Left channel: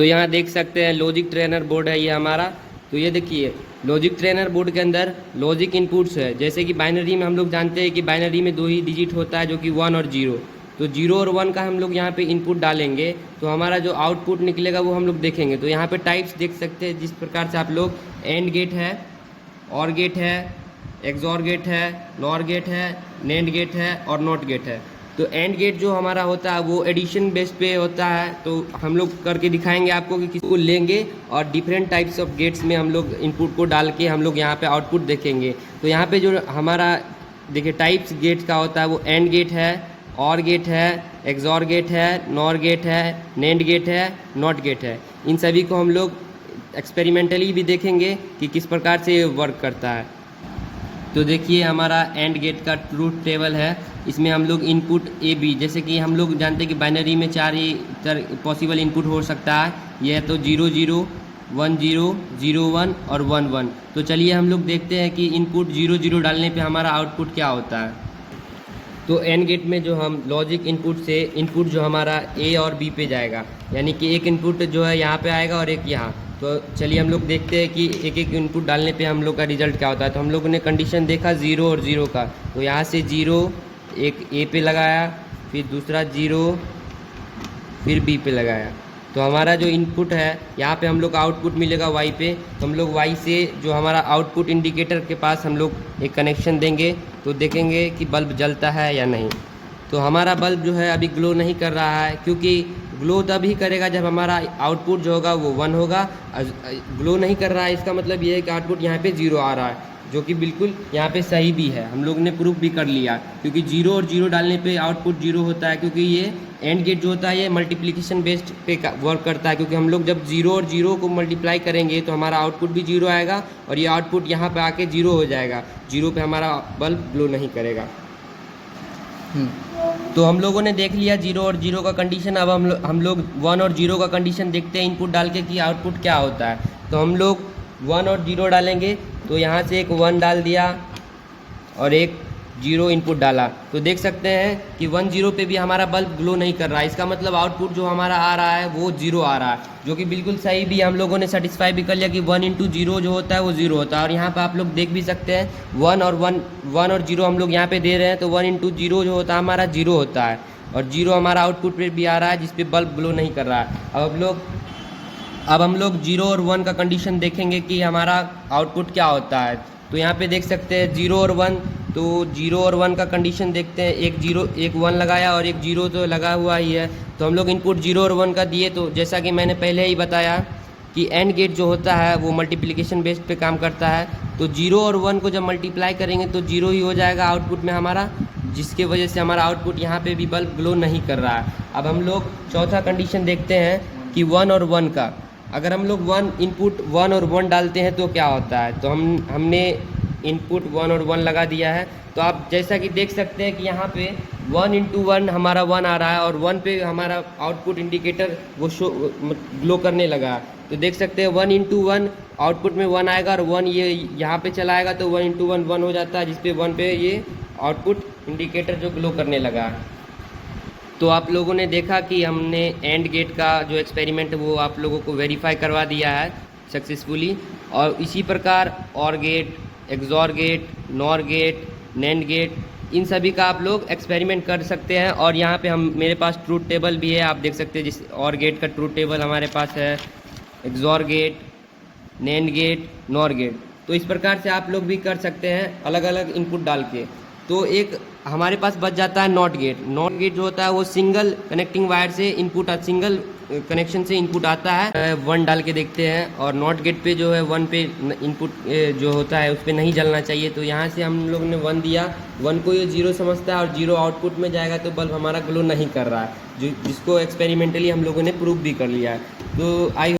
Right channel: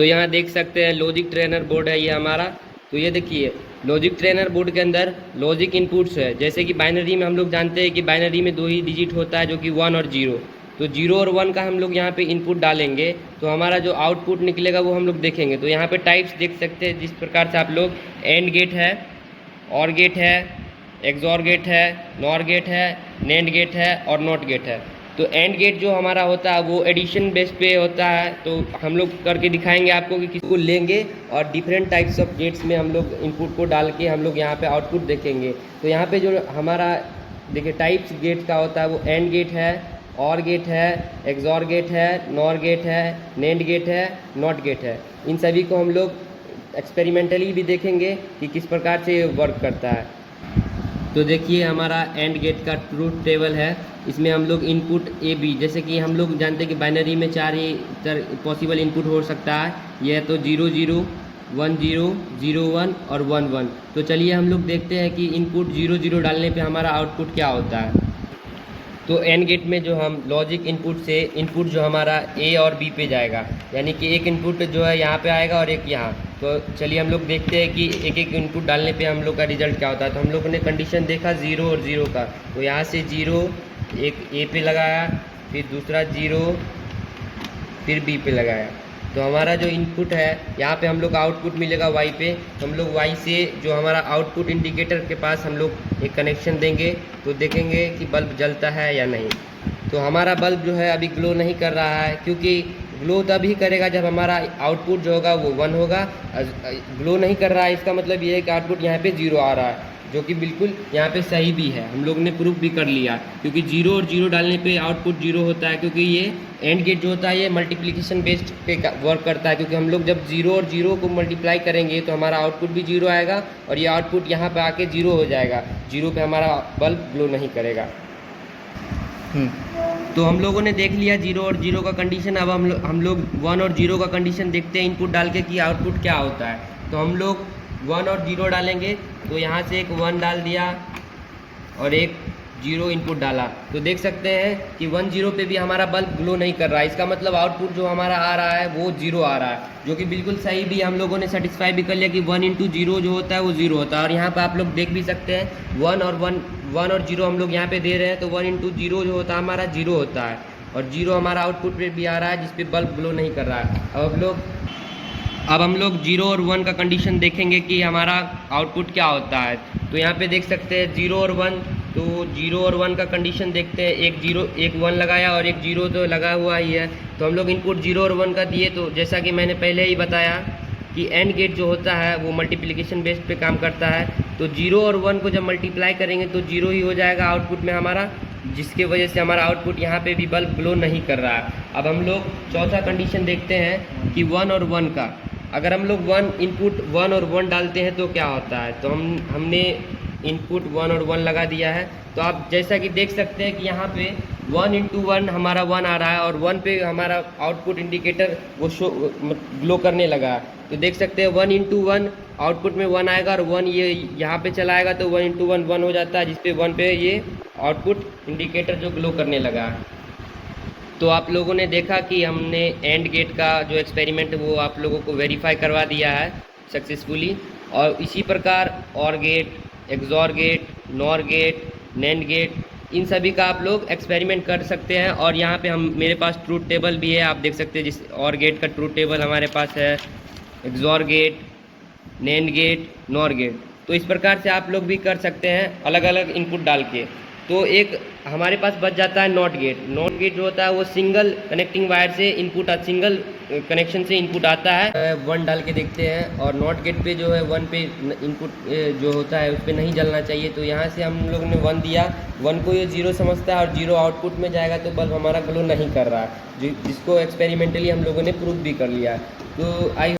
तो यहाँ देख सकते हैं लॉजिक ट्रेनर बोर्ड है ये हमारा। तो ये देखिए लॉजिक ट्रेनर बोर्ड के अंदर लॉजिक इनपुट्स है। जैसे कि बाइनरी में हम लोग जानते हैं कि बाइनरी में 2 ही डिजिट होता है, जो कि 1 और 0। तो 0 और 1 का हम लोग यहाँ पे इनपुट डालेंगे तो हमारा जो आउटपुट निकलेगा वो हम लोग देखेंगे। तो यहाँ पे टाइप्स देख सकते हैं जिस प्रकार से आप लोग एंड गेट है, और गेट है, एक्सॉर गेट है, नॉर गेट है, नेंड गेट है और नॉट गेट है। तो एंड गेट जो हमारा होता है वो एडिशन बेस पे होता है। तो हम लोग करके दिखाएंगे आपको कि किसको लेंगे और डिफरेंट टाइप्स ऑफ गेट्स में हम लोग इनपुट को डाल के हम लोग यहाँ पे आउटपुट देखेंगे। तो यहाँ पे जो हमारा देखिए टाइप्स गेट्स का होता है वो एंड गेट है, और गेट है, एक्सॉर गेट है, नॉर गेट है, नेंड गेट है, नॉट गेट है। इन सभी को हम लोग एक्सपेरिमेंटली भी देखेंगे कि किस प्रकार से ये वर्क करता है। तो देखिए हमारा एंड गेट का ट्रूथ टेबल है। इसमें हम लोग इनपुट ए बी, जैसे कि हम लोग जानते हैं कि बाइनरी में 4 ही पॉसिबल इनपुट हो सकता है। यह तो 0 0, 1 0, 0 1 और 1 1। तो चलिए हम लोग देखते हैं कि इनपुट 0 0 डालने पे हमारा आउटपुट क्या होता है। तो एंड गेट में जो हम लॉजिक इनपुट से इनपुट जो हमारा ए और बी पे जाएगा, यानी कि एक इनपुट जो है यहाँ पे आएगा और एक यहाँ। तो चलिए हम लोग देखते हैं कि एक एक इनपुट डालने पे हम लोग का रिजल्ट क्या होता है। तो हम लोगों ने कंडीशन देखा 0 और 0 का। तो यहाँ से 0 एक ए पे लगाया, फिर दूसरा 0 फिर बी पे लगाया। तो हमारा जो इनपुट है यहाँ पे हम लोग का आउटपुट मिलेगा वाई पे। तो हम लोग वाई से जो हमारा आउटपुट इंडिकेटर के पास हम लोग एक कनेक्शन देंगे तो देखेंगे कि बल्ब जलता है या नहीं। तो हमारा बल्ब जो है अभी ग्लो नहीं कर रहा है, क्योंकि ग्लो तभी करेगा जब हमारा आउटपुट जो होगा वो 1 होगा। ग्लो नहीं कर रहा है इसका मतलब ये है कि आउटपुट यहाँ पे 0 आ रहा है, जो कि बिल्कुल यहाँ पे सही भी है। हम लोग ने प्रूफ भी कर लिया, क्योंकि 0 और 0 डालने पे आउटपुट 0 होता है। क्योंकि ये एंड गेट जो होता है ये मल्टीप्लिकेशन बेस्ड पे वर्क करता है, क्योंकि हम लोग जब 0 और 0 को मल्टीप्लाई करेंगे तो हमारा आउटपुट भी 0 आएगा और ये आउटपुट यहाँ पे आके 0 हो जाएगा। 0 पे हमारा बल्ब ग्लो नहीं करेगा। तो हम लोगों ने देख लिया 0 और 0 का कंडीशन। अब हम लोग 1 और 0 का कंडीशन देखते हैं इनपुट डाल के कि आउटपुट क्या होता है। तो हम लोग 1 और 0 डालेंगे। तो यहाँ से एक 1 डाल दिया और एक 0 इनपुट डाला। तो देख सकते हैं कि 1 0 पे भी हमारा बल्ब ग्लो नहीं कर रहा है। इसका मतलब आउटपुट जो हमारा आ रहा है वो 0 आ रहा है, जो कि बिल्कुल सही भी। हम लोगों ने सेटिस्फाई भी कर लिया कि 1 × 0 जो होता है वो 0 होता है। और यहाँ पे आप लोग देख भी सकते हैं 1 और 0 हम लोग यहाँ पे दे रहे हैं। तो 1 × 0 जो होता है हमारा 0 होता है, और 0 हमारा आउटपुट पे भी आ रहा है जिसपे बल्ब ग्लो नहीं कर रहा है। अब हम लोग 0 और 1 का कंडीशन देखेंगे कि हमारा आउटपुट क्या होता है। तो यहाँ पे देख सकते हैं 0 और 1। तो 0 और 1 का कंडीशन देखते हैं। एक 0 एक 1 लगाया और एक 0 तो लगा हुआ ही है। तो हम लोग इनपुट 0 और 1 का दिए। तो जैसा कि मैंने पहले ही बताया कि एंड गेट जो होता है वो मल्टीप्लिकेशन बेस्ड पे काम करता है। तो 0 और 1 को जब मल्टीप्लाई करेंगे तो 0 ही हो जाएगा आउटपुट में हमारा, जिसके वजह से हमारा आउटपुट यहाँ पे भी बल्ब ग्लो नहीं कर रहा है। अब हम लोग चौथा कंडीशन देखते हैं कि 1 और 1 का। अगर हम लोग इनपुट 1 और 1 डालते हैं तो क्या होता है। तो हमने इनपुट 1 और 1 लगा दिया है। तो आप जैसा कि देख सकते हैं कि यहाँ पे 1 × 1 हमारा 1 आ रहा है और 1 पे हमारा आउटपुट इंडिकेटर वो ग्लो करने लगा। तो देख सकते हैं 1 × 1 आउटपुट में 1 आएगा और 1 ये यहाँ पे चला आएगा। तो 1 × 1 1 हो जाता है, जिसपे 1 पे ये आउटपुट इंडिकेटर जो ग्लो करने लगा है। तो आप लोगों ने देखा कि हमने एंड गेट का जो एक्सपेरिमेंट वो आप लोगों को वेरीफाई करवा दिया है सक्सेसफुली। और इसी प्रकार OR gate, XOR gate, NOR gate, NAND gate, इन सभी का आप लोग एक्सपेरिमेंट कर सकते हैं। और यहाँ पे मेरे पास ट्रूथ टेबल भी है, आप देख सकते हैं। जिस और गेट का ट्रूथ टेबल हमारे पास है, XOR gate, NAND gate, NOR gate. तो इस प्रकार से आप लोग भी कर सकते हैं अलग अलग इनपुट डाल के। तो एक हमारे पास बच जाता है नॉट गेट। नॉट गेट जो होता है वो सिंगल कनेक्टिंग वायर से इनपुट, सिंगल कनेक्शन से इनपुट आता है। 1 डाल के देखते हैं। और नॉट गेट पे जो है 1 पे इनपुट जो होता है उस पर नहीं जलना चाहिए। तो यहाँ से हम लोग ने 1 दिया, 1 को ये 0 समझता है और 0 आउटपुट में जाएगा तो बल्ब हमारा ग्लो नहीं कर रहा है, जिसको एक्सपेरिमेंटली हम लोगों ने प्रूव भी कर लिया। तो आई